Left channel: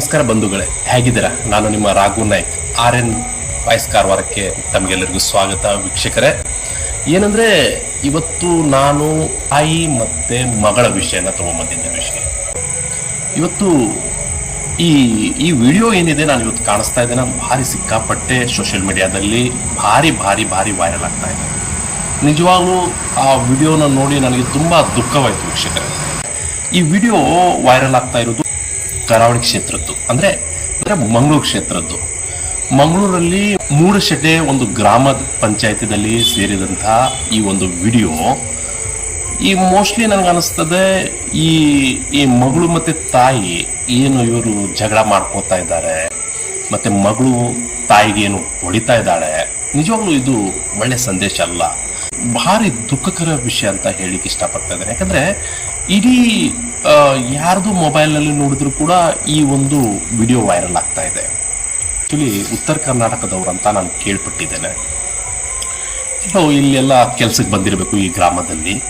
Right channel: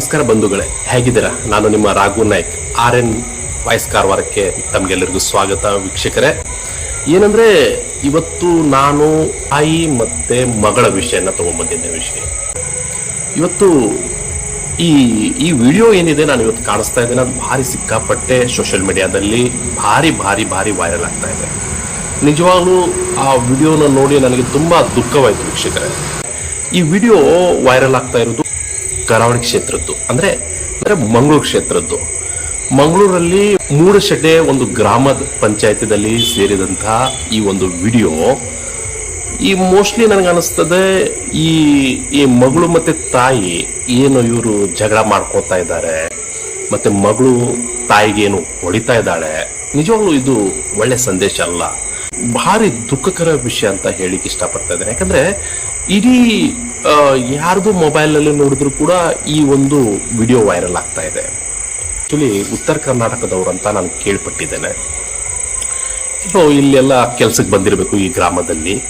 ನಮಸ್ಕಾರ ಬಂಧುಗಳೇ, ಹೇಗಿದ್ದೀರಾ? ನಾನು ನಿಮ್ಮ Raghu Naik R N voice ಕಾರವಾರಕ್ಕೆ ತಮ್ಗೆಲ್ಲರಿಗೂ ಸ್ವಾಗತ ವೀಕ್ಷಕರೇ. ಏನಂದ್ರೆ, ಇವತ್ತು ನಾನು ತಾಯಿ ಮತ್ತೆ ಮಗಳ ವಿಷಯನ ತಗೊಂಬಂದಿದ್ದೆ ವಿಷಯ ಇವತ್ತು ಈ ಈ ವಿಡಿಯೋ ಏನಿದೆ ನಾನು ಇವತ್ತು ಕಾಣಿಸ್ತಾ ಇದ್ದೇನೆ, ಭಾರಿ ಸಿಕ್ಕಾಪಟ್ಟೆ ಸೋಷಿಯಲ್ ಮೀಡಿಯಾದಲ್ಲಿ ಭಾರಿ ಭಾರಿ ಭಾರಿ ವೈರಲ್ ಆಗ್ತಾ ಇದೆ. ನಿಜವಾಗ್ಲೂ ಆ ವಿಡಿಯೋನ ನೋಡಿ ನನಗೆ ತುಂಬಾ ದುಃಖವಾಯ್ತು ವೀಕ್ಷಕರೇ. ಈ ವಿಡಿಯೋ ವೈರಲ್ ಆಗ್ತಾ ಇರೋದು ಕರಾವಳಿ ಕ್ಷೇತ್ರದ್ದು. ಅಂದ್ರೆ ಅಂದ್ರೆ ಮಂಗಳೂರು ಕ್ಷೇತ್ರದ್ದು. ಮಂಗಳೂರಲ್ಲಿ ಮೂಡಶೆಡ್ಡೆ ಒಂದು ಗ್ರಾಮದ ಪಂಚಾಯತಿದಲ್ಲಿ ಸೇರಿದಂತಹ ಈ ಒಂದು ವಿಡಿಯೋ, ಈ ಮೋಸ್ಟ್ಲಿ ನನಗೆ ಅನಿಸ್ತದೆ ಈ ಈ ಮಗಳು ಮತ್ತೆ ತಾಯಿ ಏನು ಇವರು ಜಗಳ ಮಾಡ್ಕೋತಾ ಇದ್ದಾರೆ, ಮತ್ತೆ ಮಗಳು ತಾಯಿಗೆ ಏನು ಹೊಡಿತಾ ಇದ್ದಾಳೆ, ನಿಜವಾಗ್ಲೂ ಇದು ಒಳ್ಳೆ ಸಂದೇಶ ಅಲ್ಲ. ಭಾರಿ ದುಃಖಕರ ವಿಷಯ ಅಂತ ಹೇಳಿಕ್ ಇಷ್ಟಪಡ್ತಾ ಇದ್ದಾರೆ ಯಾಕಂದ್ರೆ ಇಡೀ ಯಾರ್ದು ಮೊಬೈಲ್ನಲ್ಲಿ ನೋಡಿದ್ರು ಕೂಡ ಈ ಒಂದು ವಿಡಿಯೋ ವೈರಲ್ ಆಗ್ತಾ ಇದೆ. ಆಕ್ಚುಲಿ ಉತ್ತರ ಕರ್ನಾಟಕದವ್ರಂತ ನಾನು ಕೇಳ್ಪಟ್ಟಿದ್ದೇನೆ. ಸೊ, ಇಲ್ಲೆಲ್ಲ ಕೆಲ್ಸಕ್ಕೆ ಬಂದಿರಬೇಕು ಈ ಗ್ರಾಮದಲ್ಲಿ.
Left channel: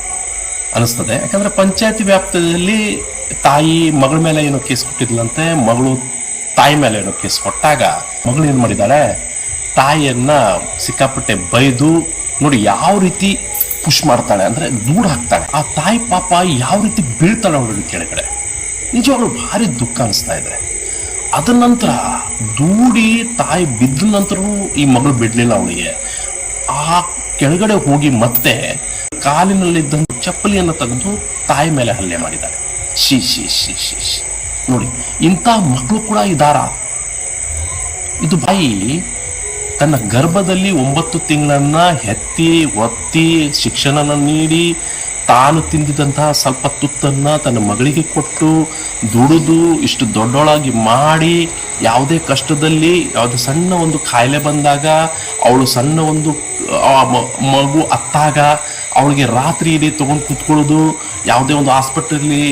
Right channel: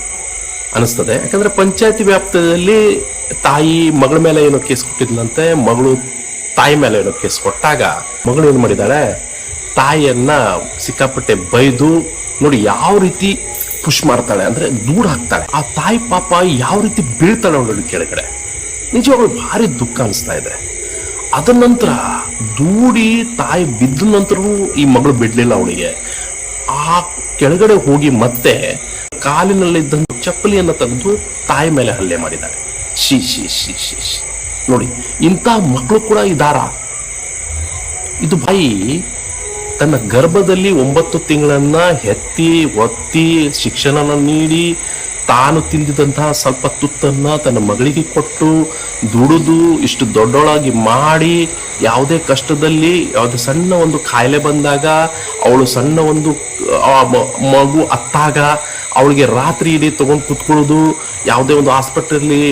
ಅನಿಸ್ತದೆ. ಯಾಕಂದ್ರೆ ಪಂಚಾಯತಿ ವ್ಯಾಪ್ತಿಯಲ್ಲಿ ತಾಯಿ, ಮಗಳ ಮೇಲೆ ಏನೋ ಕೇಸ್ ಕೊಟ್ಟಿದ್ಲಂತೆ ಮಗಳು ತಾಯಿ ಮೇಲೆ ಏನೋ ಕೇಸ್ ಕೊಟ್ಟಾಗ ಮಗಳು ಏನ್ ಮಾಡಿದಾಳೆ, ತಾಯಿಯನ್ನ ಸಿಕ್ಕಾಪಟ್ಟೆ ಬೈದು, ನೋಡಿ, ಯಾವ ರೀತಿ ಪುಷ್ ಮಾಡ್ತಾಳೆ ಅಂದ್ರೆ ದೂರ ಹಾಕ್ತಾಳೆ. ಆ ತಾಯಿ ಪಾಪ ಯಾವ ರೀತಿ ಬೀಳ್ತಾಳೆ ಅವಳು ಕೆಳಗಡೆ. ನಿಜವಾಗ್ಲೂ ಭಾರಿ ದುಃಖ ಅನಿಸ್ತಾ ಇದೆ. ಅದ ನಂತರ ದೂಡಿ ತಾಯಿ ಬಿದ್ದ ನಂತರವೂ ಈ ಮಗಳು ಬಿಡ್ಲಿಲ್ಲ ಅವಳಿಗೆ. ಆ ಕೆಳಗಡೆ ಹೋಗಿ ಮತ್ತೆ ಕಾಲಿನಲ್ಲಿದ್ದ ಚಪ್ಪಲಿಯನ್ನ ತೆಗೆದು ತಾಯಿ ಮೇಲೆ ಹಲ್ಲೆ ಮಾಡಿದ್ದಾರೆ ಶಿ ಶಿ ಶಿ ಶಿ ಶಿ ನೋಡಿ, ಇಂಥ ಮಕ್ಕಳು ಕೂಡ ಇದಾರ ಇದು ಬಾಯಿ ತನ್ನ ಗರ್ಭದಲ್ಲಿ ಒಂಬತ್ತು ತಿಂಗಳನ್ನ ಹೆತ್ತಿ, ಒತ್ತಿ, ಶಿಕ್ಷಣನ ನೀಡಿ, ತಾನು ತಿಂದಿದಂತಹ ಸ್ವಲ್ಪ ತುತ್ತನ್ನ ತನ್ನ ಮಗಳಿಗೆ ಕೊಟ್ಟು, ದುಡಿದು, ಇಷ್ಟು ದೊಡ್ಡೊಳಾಗಿ ಮಾಡಿ, ಯಾವುದೇ ಕಷ್ಟದಲ್ಲಿ ಯಾವುದೇ ಸಣ್ಣ ಒಂದು ಕಾಯಿಲೆ ಬಂದಾಗ, ಅವಳು ಸಣ್ಣ ಒಂದು ಮಗು ಅತ್ತಾಗ ಅವಳಿಗೆ ರಾತ್ರಿ ಇಡೀ ತಗೊಂಡು ಕುತ್ಕೊಳ್ಳೋದು, ಯಾವುದೇ ಒಂದು ಆಸ್ಪತ್ರೆಯಲ್ಲಿ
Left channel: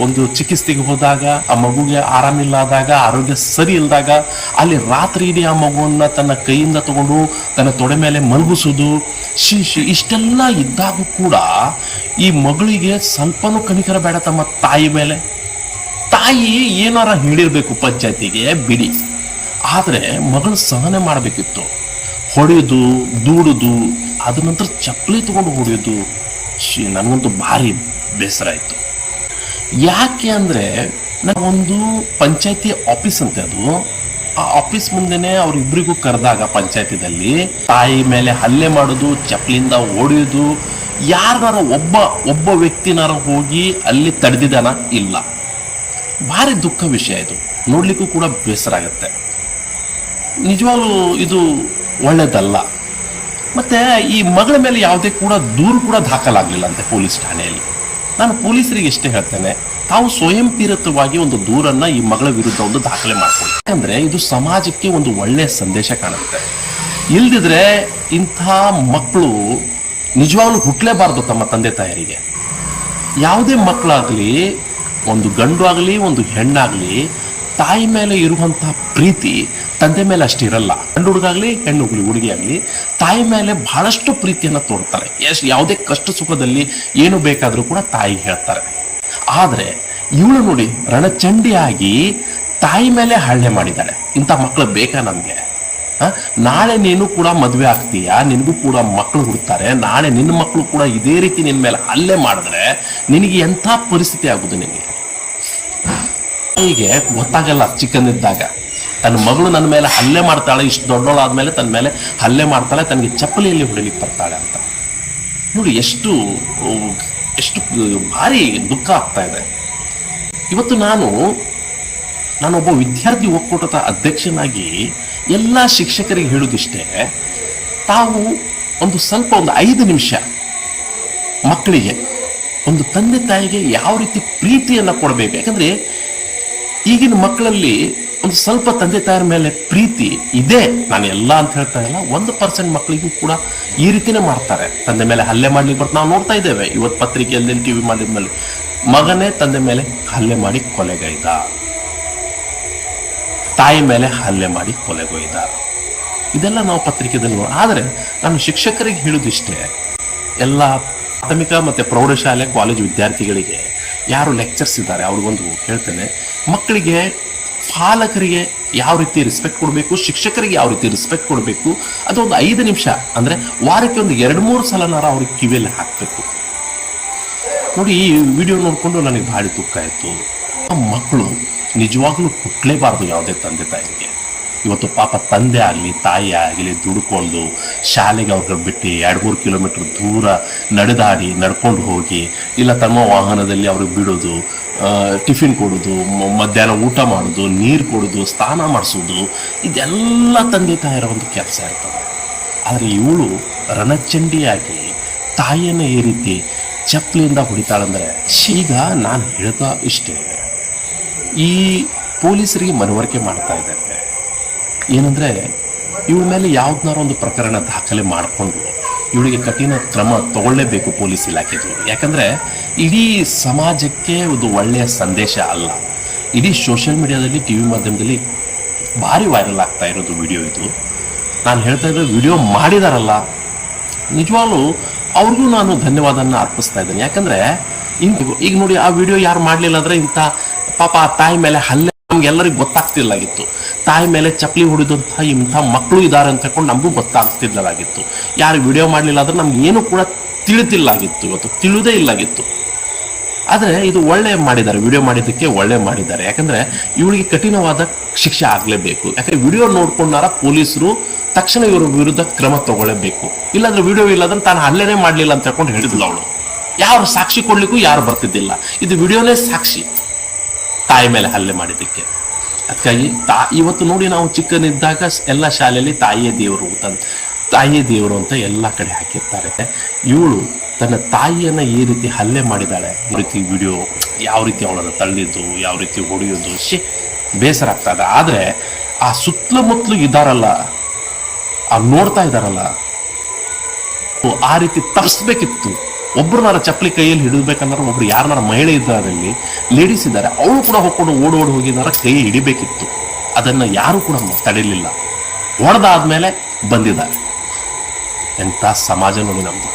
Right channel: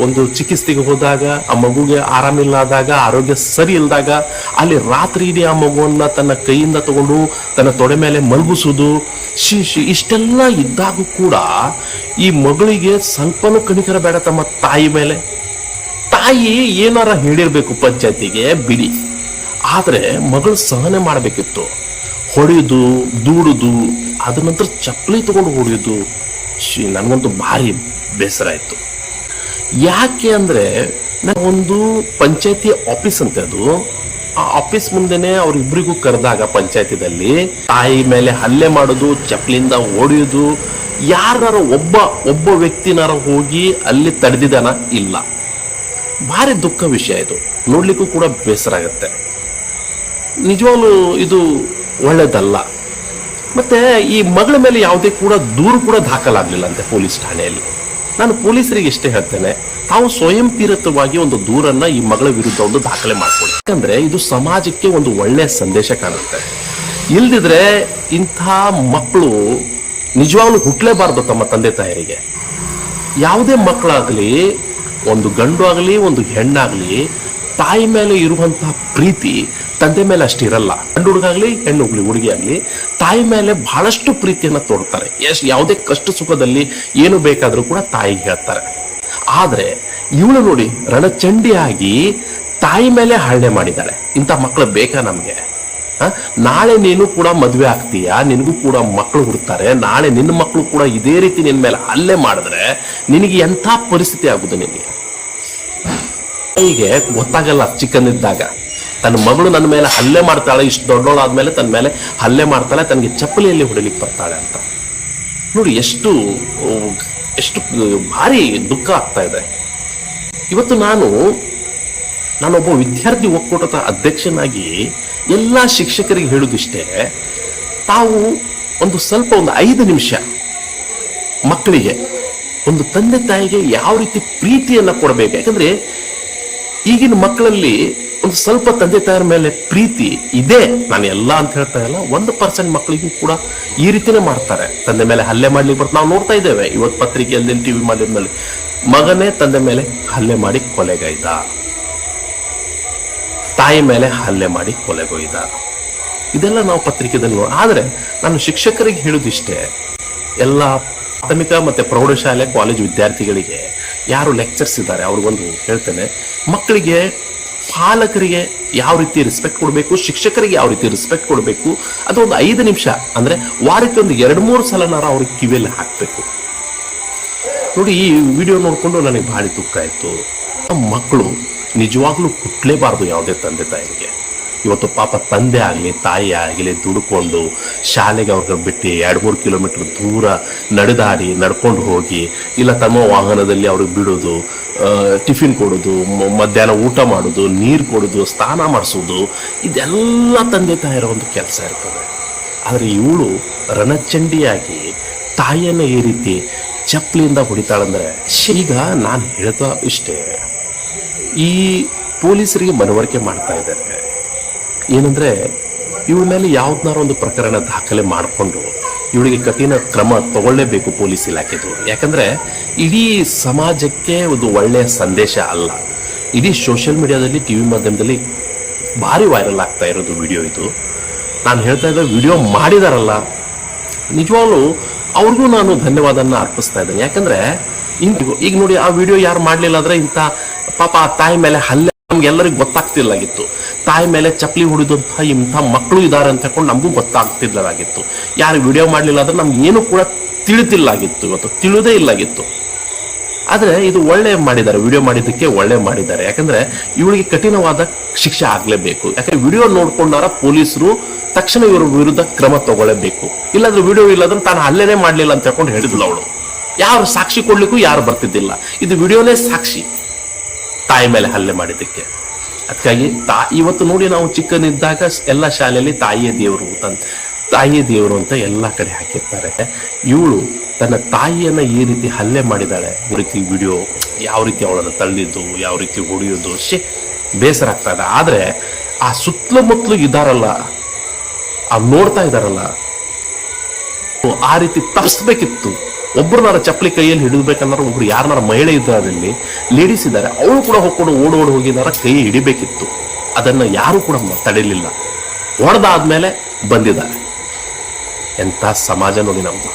ಒಂದು ಚಿಕಿತ್ಸೆಗೆ ಹೋದಾಗ, ಆ ಮಗುಗೆ ಆರಾಮಿಲ್ಲದಾಗ ಆರೋಗ್ಯ ಸರಿ ಇಲ್ಲದಾಗ ಅಲ್ಲಿ ರಾತ್ರಿ ಇಡೀ ಆ ಮಗುವನ್ನ ತನ್ನ ಕೈಯಿಂದ ತಗೊಂಡು, ತನ್ನ ತೊಡೆ ಮೇಲೆ ಮಲಗಿಸೋದು, ಶಿ ಇಷ್ಟೆಲ್ಲ ಇದ್ದಾಗೂ ಕೂಡ ಈ ಮಗಳಿಗೆ ಸ್ವಲ್ಪನೂ ಕಣಿಕರ ಬೇಡ ತಮ್ಮ ತಾಯಿ ಮೇಲೆ. ತಾಯಿ ಏನಾರ ಹೇಳಿರ್ಬೇಕು ಪಂಚಾಯತಿಗೆ, ಬಿಡಿ. ಆದ್ರೆ ಮಗಳು ಸಹನೆ ಮಾಡಬೇಕಿತ್ತು. ಹೊಡೆಯುದು ದೂಡುದು ಅದ ನಂತರ ಚಪ್ಪಲಿ ತಗೊಂಡು ಹೊಡೆಯೋದು ಶಿ ನನಗಂತೂ ಭಾರಿ ಬೇಸರ ಆಯಿತು. ಯಾಕೆ ಅಂದ್ರೆ ಒಂದು ಪಂಚಾಯತಿ ಆಫೀಸ್ ಅಂತೆ ಅದು. ಆ ಆಫೀಸ್ ಮುಂದೆನೆ ಅವರಿಬ್ಬರಿಗೂ ಕರೆದಾಗ ಪಂಚಾಯತಿದಲ್ಲಿ, ತಾಯಿ ಮೇಲೆ ಹಲ್ಲೆ ಮಾಡೋದು ಚಪ್ಪಲಿಂದ ಓಡಿಯೋದು ಯಾರು ಒಬ್ಬ ಒಬ್ಬ ವ್ಯಕ್ತಿನಾರ ಹೋಗಿ ಅಲ್ಲಿ ತಡೆದಿದಾನ ಇಲ್ಲ. ಭಾರಿ ದುಃಖ ವಿಷಯ ಇದು. ನೋಡ್ಲಿಕ್ಕೂ ಕೂಡ ಬೇಸರ ಆಗುತ್ತೆ. ನಿಜವಾಗ್ಲೂ ಇದು ಒಳ್ಳೇದಲ್ಲ. ಮತ್ತೆ ಈ ಮಗಳ ಮೇಲೆ ಯಾವುದೇ ಕೂಡ ದೂರು ಕೂಡ ದಾಖಲಾಗ್ಲಿಲ್ಲ ಅಂತೆ ಪೊಲೀಸ್ ಠಾಣೆಯಲ್ಲಿ. ನಾನು ಪೊಲೀಸರಿಗೆ ಇಷ್ಟೇ ಹೇಳ್ತೇನೆ, ತಾವು ಸ್ವಯಂ ಪ್ರೇರಿತವಾಗಿ ಒಂದು ದೂರನ್ನ ಈ ಮಗಳ ವಿರುದ್ಧ ಒಂದು ದಾಖಲೆ ಮಾಡ್ಕೊಳ್ಳಿ. ಯಾಕಂದ್ರೆ ಇದು ಸಮಾಜಕ್ಕೆ ಒಂದು ಒಳ್ಳೆಯ ಸಂದೇಶ ಕಾಣುತ್ತೆ. ಇಲ್ದಿದ್ರೆ ಇಂಥ ಮಕ್ಕಳು ನಿಜವಾಗ್ಲೂ ಹುಟ್ಟಲೇಬಾರ್ದು ತಮ್ಮ ತಂದೆ ತಾಯರಿಗೆ. ಯಾವುದೇ ಮಕ್ಕಳಾಗ್ಲಿ, ಒಂದು ಗಂಡು ಆಗಲಿ, ಒಂದು ಹೆಣ್ಣಾಗ್ಲಿ ತಾಯಿ ಮೇಲೆ ಇರುವಂತಹ ಪ್ರೀತಿ ತಂದೆ ಮೇಲೆ ಅಷ್ಟು ಇರಲ್ಲ. ಗಂಡು ಹುಡುಗಾಗ್ಲಿ, ಹೆಣ್ಣು ಹುಡುಗಿ ಹುಡುಗಿ ಆಗ್ಲಿ, ತಾಯಿ ಮೇಲೆ ಬಹಳಷ್ಟು ಪ್ರೀತಿಯನ್ನ ತೋರ್ತಾರೆ. ಎಷ್ಟು ಯಾವುದೇ ಕಷ್ಟ ಸುಖದಲ್ಲಿ ಏನು ಬೇಕಾದ್ರೂ ಕೂಡ ತಾಯಿ ಹೇಳ್ತಾರೆ. ಆದ್ರೆ ಇವಳು ನೋಡಿ ರಣಚಂಡಿಯಾಗಿ ತಾಯಿ ಮೇಲೆ ಹಳ್ಳೆ ಮಾಡಿದ್ದಾಳೆ. ಇಂಥ ಮಕ್ಕಳು ಬೇಕಾ ನಮ್ಗೆ? ನಾಳೆ ನೀನು ಕೂಡ ಮದುವೆ ಆಗ್ತೀಯಾ? ನಿನಗೂ ಕೂಡ ಮಕ್ಕಳು ಹುಡ್ತಾರೆ. ನಾಳೆ ನಿನ್ನ ಮಕ್ಕಳು ಕೂಡ ಇದೇ ರೀತಿ ನಿನ್ ಮೇಲೆ ಹಲ್ಲೆ ಮಾಡಿದ್ರೆ ನಿನಗೆ ಎಂಥ ಪರಿಸ್ಥಿತಿ ಆಗುದು ನಿನಗೆ? ತಾಯಿಗೆ ಗೊತ್ತಾಗಲ್ಲ ಚಿಕ್ಕನಿದ್ದಾಗ ತನ್ನ ಮಗಳು ನನ್ನ ಮೇಲೆ ಹಲ್ಲೆ ಮಾಡ್ತಾಳೆ, ಇಷ್ಟು ದೊಡ್ಡೋಳಾದ್ಮೇಲೆ ತನ್ನ ಮೇಲೆ ಹಲ್ಲೆ ಮಾಡ್ತಾಳೆ, ತನಗೆ ಚಪ್ಪಲಿಯಲ್ಲಿ ಹೊಡಿಲಿಕ್ಕೆ ಬರ್ತಾಳೆ ಅಂತ. ನೋಡಿ, ಎಷ್ಟು ಎಷ್ಟು ಭಾರಿ ದುಃಖ ಆಗ್ತಾ ಇದೆ. ಇವತ್ತು ನಾನು ನಾನೊಬ್ಬ ವಿದ್ಯಾರ್ಥಿ ಒಕ್ಕೂಟದ ಅಧ್ಯಕ್ಷನಾಗಿ ಎಲ್ಲ ಶಿಕ್ಷಕರಿಗೆ ಹೇಳುದಿಷ್ಟೇ ತಾವು ಒಂದು ಸ್ವಲ್ಪ ಒಂದು ಐದು ನಿಮಿಷ ಮಕ್ಕಳಿಗೆ, ಒಂದು ತಂದೆ ತಾಯಿಗೆ ಯಾವ ರೀತಿ ಪ್ರೀತಿಯನ್ನ ಕೊಡಬೇಕು? ಯಾಕಂದ್ರೆ ಈಗಿನ ಮಕ್ಕಳಲ್ಲಿ ಒಂದು ಸ್ವಲ್ಪ ತಂದೆ ತಾಯಿಯ ಮೇಲೆ ಪ್ರೀತಿ ಇದೆ. ನಾನು ಎಲ್ಲ ಅಂತ ಹೇಳ್ತಾ ಇಲ್ಲ. ಒಂದು ಪರ್ಸೆಂಟ್ ಮಕ್ಕಳಿಗೂ ಕೂಡ ಈ ರೀತಿನೇ ಮಾಡ್ತಾರೆ. ತಂದೆ ಮೇಲೆ ಹಲ್ಲೆ ಮಾಡ್ಲಿಕ್ಕೆ ಬರ್ತಾ ನಾವು ನೋಡ್ತಾ ಇದ್ದೇವೆ. ಇವತ್ತು ಪತ್ರಿಕೆಯಲ್ಲಿ ಟಿವಿ ಮಾಧ್ಯಮದಲ್ಲಿ ಮಗನೇ ತಂದೆ ಮೇಲೆ ಹಲ್ಲೆ ಮಾಡಿ ಕೊಲೆಗೈದ. ತಾಯಿ ಮೇಲೆ ಹಲ್ಲೆ ಮಾಡಿ ಕೊಲೆಗೊಯ್ದ ಇದೆಲ್ಲ ನಾವು ಪತ್ರಿಕೆದಲ್ಲಿ ಆದರೆ ಆದ್ರೆ ನಾನು ಶಿಕ್ಷಕರಿಗೆ ಹೇಳುದಿಷ್ಟೇ ಎಲ್ಲ ಪ್ರಾಥಮಿಕ ಮತ್ತೆ ಪ್ರೌಢಶಾಲೆ, ಕಾಲೇಜು ವಿದ್ಯಾರ್ಥಿಗಳಿಗೆ ಯಾರು ಲೆಕ್ಚರ್ಸ್ ಇದ್ದಾರೆ, ಅವ್ರಿಗೊಂದು ಹೇಳ್ತೇನೆ. ಮಕ್ಕಳಿಗೆ, ಪಾಲಕರಿಗೆ ಯಾವ ರೀತಿ ರೆಸ್ಪೆಕ್ಟ್ ಕೊಡಬೇಕು, ಶಿಕ್ಷಕರಿಗೆ ಯಾವ ರೀತಿ ರೆಸ್ಪೆಕ್ಟ್ ಕೊಡಬೇಕು ಅದು ಒಂದು ಐದು ನಿಮಿಷ, ಅಂದ್ರೆ ವಾರಕ್ಕೆ ಒಂದು ಎರಡು ಮೂರು ಸಲನಾರ ಅವ್ರಿಗೆ ಕಿವಿಯಲ್ಲಿ ಹಾಕಬೇಕು. ನೋಡಿ, ಈ ವಿಡಿಯೋ ನೋಡಿಕೊಂಡು ನನಗೆ ಭಾರಿ ದುಃಖ ಆಯ್ತು. ಮಕ್ಕಳು ನಿಜವಾಗ್ಲೂ ಹುಟ್ಟಲೇಬಾರ್ದು ಯಾವುದೇ ತಂದೆ ತಾಯಿಗೆ. ಇವತ್ತು ಪಾಪ ತಂದೆ ಆಗಲಿ, ತಾಯಿ ಆಗಲಿ ದುಡ್ಕೊಂಡು ಶಾಲೆಗೆ ಅವ್ರಿಗೆ ಬಿಟ್ಟು ಎರಡು ಮೂರು ಕಿಲೋಮೀಟರ್ ದೂರ ನಡೆದಾಡಿ ನಡ್ಕೊಂಡು ಹೋಗಿ, ಇಲ್ಲ ತಮ್ಮ ವಾಹನದಲ್ಲಿ ಅವ್ರಿಗೆ ಬಿಡೋದು ಟಿಫಿನ್ ಕೊಡೋದು ಮಧ್ಯಾಹ್ನ ಊಟ ಮಾಡೋದು, ನೀರು ಕೊಡೋದು, ಸ್ನಾನ ಮಾಡಿಸೋದು, ಇದೆಲ್ಲ ತಂದೆ ತಾಯಿರ ಒಂದು ಕೆಲಸ ಇರ್ತದೆ. ಆದರೆ ಇವಳು ರಣಚಂಡಿಯಾಗಿ ತಾಯಿಯನ್ನು ಈ ರೀತಿ ಚಪ್ಪಲಿಯಿಂದ ಹೊಡಿತಾಳಂದ್ರೆ ಈಗ ನಾನು ಹೇಳ್ತಾ ಇಷ್ಟೇ, ಈ ಪೊಲೀಸರಿಗೆ ಮನವರಿಕೆ ಮಾಡ್ತಾ ಇದ್ದಾರೆ. ಏನಂದ್ರೆ ಇವಳ ಮೇಲೆ ಯಾವ್ದನ್ನಾರ ಒಂದು ಪ್ರಕರಣ ದಾಖಲೆ ಮಾಡಿಕೊಂಡು ಇವಳಿಗೆ ಕಠಿಣ ಕ್ರಮ ತಗೊಳ್ಳೇಬೇಕು ಪೊಲೀಸ್ ಇಲಾಖೆದವರು. ಯಾಕಂದ್ರೆ, ಇಡೀ ಸಮಾಜಕ್ಕೆ ಒಂದು ಒಳ್ಳೆಯ ಸಂದೇಶ ಅಲ್ಲ. ಇಡೀ ಸೋಷಿಯಲ್ ಮೀಡಿಯಾದಲ್ಲಿ, ಟಿವಿ ಮಾಧ್ಯಮದಲ್ಲಿ ಭಾರಿ ವೈರಲ್ ಆಗ್ತಾ ಇರೋದು ವಿಡಿಯೋ ಇದು. ನಾನು ಹೇಳ್ತಾ ಇದ್ದ ವಿಡಿಯೋ ಮಾಡಿದಾರಲ್ಲ. ನಿಜವಾಗ್ಲೂ ಅವ್ರಿಗೂ ನಾನು ಧನ್ಯವಾದನ್ನ ಅರ್ಪಿಸ್ತಾ ಇದ್ದೇನೆ. ಯಾಕಂದ್ರೆ ಈಗ ನೋಡಿ, ಆ ವಿಡಿಯೋ ಯಾರು ಮಾಡಲಿಲ್ಲ ಅಂದ್ರೆ ಇಂಥ ಪಾಪ ಆ ತಾಯಿ ಮೇಲೆ ಹಲ್ಲೆ ನಮ್ಗೆಲ್ಲರಿಗೂ ಗೊತ್ತಾಗ್ತಿರ್ಲಾಗಿತ್ತು. ತಾಯಿ ಮೇಲೆ ಚಪ್ಪಲಿ ಹೊಡೆದಂತಹ ಇಂಥ ಮಕ್ಕಳು ಇದ್ದಾರೆ ಅಂತ ಹೇಳ್ಕೊಂಡು ನಮಗೂ ಗೊತ್ತಾಗ್ತಿಲ್ಲದಾಗಿತ್ತು. ಯಾರು ವಿಡಿಯೋ ಮಾಡಲಿಲ್ಲ ಅಂದ್ರೆ ನಮ್ಗೆ ಏನು ಕೂಡ ತಿಳಿತಿಲ್ಲಾಗಿತ್ತು ಇವತ್ತು. ತಿಳಿದೇ ಇಲ್ಲಾಗಿತ್ತು. ಆದ್ರೆ ಇದು ಒಳ್ಳೆ ಮಾಡಿದ್ದಾರೆ. ವಿಡಿಯೋ ಮಾಡಿದ್ದಕ್ಕೆ ಒಳ್ಳೆ ಮಾಡಿದ್ದಾರೆ. ಯಾಕಂದ್ರೆ ಇವಳಿಗೆ ಕಠಿಣವಾದ ಶಿಕ್ಷೆ ಆಗಲೇಬೇಕು. ಯಾಕಂದ್ರೆ ವಿಡಿಯೋ ನೋಡ್ಕೊಂಡಾರ ಪೊಲೀಸರು ತಕ್ಷಣ ಇವ್ರ ವಿರುದ್ಧ ಕ್ರಮ ತಗೊಳ್ಳಬೇಕು. ಇಲ್ಲಾಂದ್ರೆ ವಿಡಿಯೋ ಇಲ್ಲಾಂದ್ರೆ ತಾನು ಅಲ್ಲೇನೆ ಮಾಡಲಿಲ್ಲ ಅಂತ ಹೇಳ್ಕೊಂಡು ಹೇಳಿದ್ಲು ಅವಳು. ಯಾರು ಸಾಕ್ಷಿ ಕೊಡ್ಲಿಕ್ಕೂ ಯಾರು ಬರ್ತಿದ್ದಿಲ್ಲ. ಇದು ವಿಡಿಯೋನೇ ಸಾಕ್ಷಿ. ತಾಯಿ ಮೇಲೆ ಹಲ್ಲೆ ಮಾಡಿದ್ದಕ್ಕೆ. ಅದಕ್ಕಾಗಿ ತಾ ಇವತ್ತು ನೋಡಿ ನಾವು ಚಿಕ್ಕನಿದ್ದಾಗ ಎಲ್ಲ ಶಾಲೆಯಲ್ಲಿ ತಾಯಿಯ ದೇವರು ಅಂತ ತಾಯಿಯ ದೇವರು ಅಂತ ಎಲ್ಲ ಕಡೆ ಹಾಕಿರ್ತಾರೆ. ಇವಳು ತನ್ನ ತಾಯಿಯನ್ನ ಈ ರೀತಿ ಹಲ್ಲೆ ಮಾಡಿದಾಳೆ. ಈ ರೀತಿ ವಿಡಿಯೋ, ಯಾವ ರೀತಿ ಅವಳನ್ನು ತಳ್ಳಿದ್ದು, ಯಾವ ರೀತಿ ಹೊಡೆಯೋದು ಬೇಸರ ಆಗ್ತಾ ಇದೆ. ಆದ್ರೆ ಆ ಸುತ್ತಮುತ್ತಲು ಇದ್ದಾರಲ್ಲ ಆ ನೋಡ್ತಾ ಇದಾರಲ್ಲ ಆ ರೀತಿ ತಪ್ಪಿಸ್ಬೇಕಿತ್ತು ಒಬ್ರನಾರ ಚಪ್ಪಲಿ ಕೈಯಲ್ಲಿ ಹಿಡಿದ್ಬೇಕಂದ್ರೆ ಒಬ್ರು ಯಾರನಾರ ಮಹಿಳೆ ಇದ್ದಾರಲ್ಲಿ ಲೇಡೀಸ್ ಇದ್ದಾರೆ, ಅವಳು ಕೂಡ ಹೋಗ್ಕೊಂಡು ಓಡ್ ಓಡಿ ಹೋಗಿದಾರ ಕೈ ಹಿಡಿಬೇಕಿತ್ತು. ಅದನ್ನ ಯಾರು ಕೂಡ ತಡೆಯಲಿಲ್ಲ ಹೊಡೆದಾದ್ಮೇಲೆ ಬಂದಿದ್ದಾರೆ. ಎಂತ ಸಮಾಜ ನೋಡಿ ನಮ್ದು.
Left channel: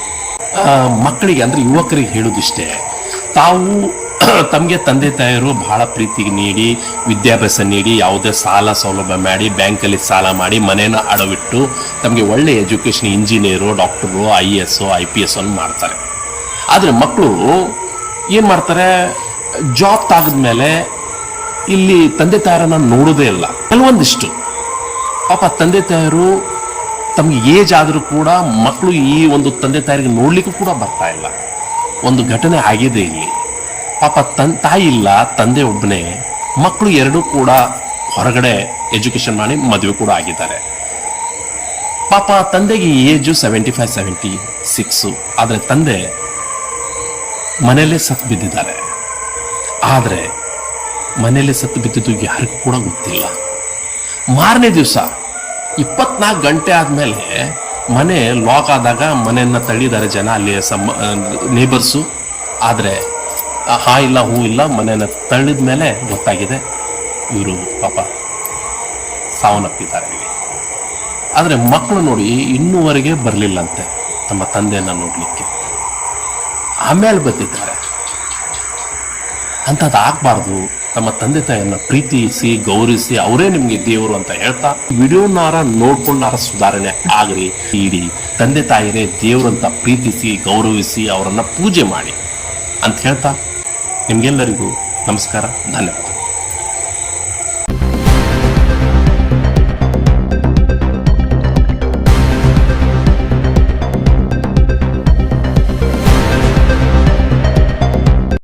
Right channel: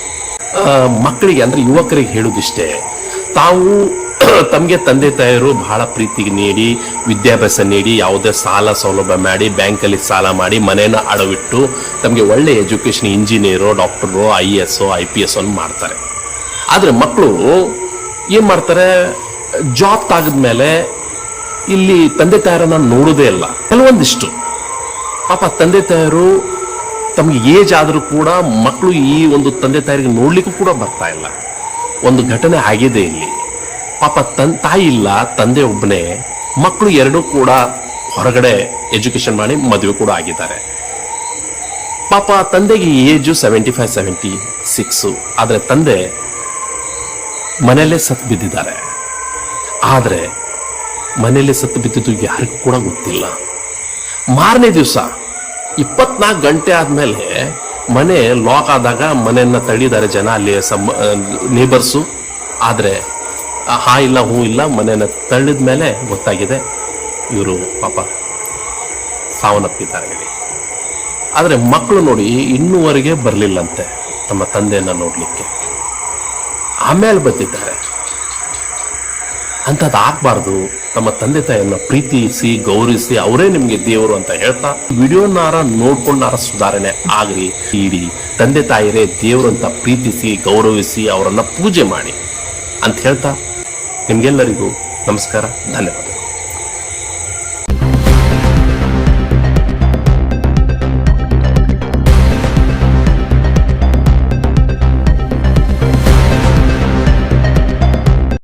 ಮಕ್ಕಳಿಗೆ ಅಂದ್ರೆ ಯುವಕರಿಗೆ ಹೇಳುದಿಷ್ಟೇ, ತಾವು ತಮಗೆ ತಂದೆ ತಾಯರು ಬಹಳ ಪ್ರೀತಿಗೆ ನೀಡಿ, ವಿದ್ಯಾಭ್ಯಾಸ ನೀಡಿ, ಯಾವುದೇ ಸಾಲ ಸೌಲಭ್ಯ ಮಾಡಿ, ಬ್ಯಾಂಕಲ್ಲಿ ಸಾಲ ಮಾಡಿ ಮನೇನ ಅಡವಿಟ್ಟು ತಮಗೆ ಒಳ್ಳೆ education engineer, doctor, I S, I P S ಅನ್ನು ಮಾಡ್ತಾರೆ. ಆದರೆ ಮಕ್ಕಳು ಏನ್ ಮಾಡ್ತಾರೆ? ಜಾಬ್ ತಾಗದ್ಮೇಲೆ ಇಲ್ಲಿ ತಂದೆ ತಾಯರನ್ನ ನೋಡೋದೇ ಇಲ್ಲ. ಕೆಲವೊಂದಿಷ್ಟು. ಪಾಪ ತಂದೆ ತಾಯರು ತಮಗೆ ಏಜ್ ಆದರೂ ಕೂಡ ಮಕ್ಕಳು ಈ ಒಂದು ತಂದೆ ತಾಯಿಗೆ ನೋಡ್ಲಿಕ್ಕೂ ಕೂಡ ಬರ್ತಾ ಇಲ್ಲ. ಒಂದು ಘಟನೆ ಆಗಿದೆ ಇಲ್ಲಿ. ಪಾಪ ತನ್, ತಾಯಿ ಇಲ್ಲ, ತಂದೆ ಒಬ್ಬನೇ ಮಕ್ಕಳು ಎರಡೂ ಕೂಡ ಹೊರಗಡೆ ಎಜುಕೇಶನ್ ಮಾಡಿ ಮದುವೆ ಕೂಡ ಆಗಿದ್ದಾರೆ. ಪಾಪ ತಂದೆಗೆ age seventy five seventy six ಆದ್ರೆ ತಂದೆ ಮನೆಯಲ್ಲೇ ಸತ್ತು ಬಿದ್ದಿದ್ದಾರೆ. ಆದ್ರೆ ಮನೆಯಲ್ಲೇ ಸತ್ತು ಬಿದ್ದಿದ್ದು ಯಾರಿಗೂ ಕೂಡ ಗೊತ್ತಿಲ್ಲ. ಮಾರನೇ ದಿವಸ, ಇಪ್ಪತ್ನಾಲ್ಕು ಗಂಟೆ ಆದಮೇಲೆ ಮನೆ ಲಾಕ್ ಆದಾಗ ಮನೆಯನ್ನ ತಳ್ಳಿದ್ದಾರೆ ಜನ ಅಲ್ಲಿ ನೇಬರ್ಸು ಆದ್ರೆ ಹಾ ಇಲ್ಲ, ಹೂ ಇಲ್ಲ, ಮನೆಯನ್ನ ತಳ್ಳಿದ ಮೇಲೆ ಗೊತ್ತಾಗಿದೆ ಇವರು ಪಾಪ ಸಾವನ್ನಪ್ಪಿದ್ದಾರೆ ಆದ್ರೆ ಮಕ್ಕಳು ನೋಡಿ ಇನ್ನೂವರೆಗೆ ಬರಲಿಲ್ಲಂತೆ ತಮ್ಮ ತಂದೆಯನ್ನ ನೋಡಲಿಕ್ಕೆ. ಆಮೇಲೆ ಬಂದಿದ್ದಾರೆ ಅಂಥದ್ದು ಆಗಬಾರ್ದು. ತಮ್ಮ ತಂದೆ ತಾಯಿಯನ್ನ ಪ್ರೀತಿಸಿ, ಗೌರವಿಸಿ ಅವರೇ ನಿಮ್ಗೆ ದೇವರು ಅಂತ ಹೇಳ್ತಾ ವಿಡಿಯೋನಾರ ನೋಡ್ಕೊಂಡಾರ ಸುಧಾರಣೆ ಆಗಲಿ, ಇಡೀ ತಂದೆ ತಾಯಿರೇ ದೇವರು ಅಂತ ಪ್ರೀತಿಸಿ, ಗೌರವಿಸಿ ಅವರನ್ನ ಪೂಜೆ ಮಾಡಿ ಅಂತ ಹೇಳ್ತಾ ನಿಮ್ಗೆಲ್ಲರಿಗೂ ನಮಸ್ಕಾರ ಧನ್ಯವಾದ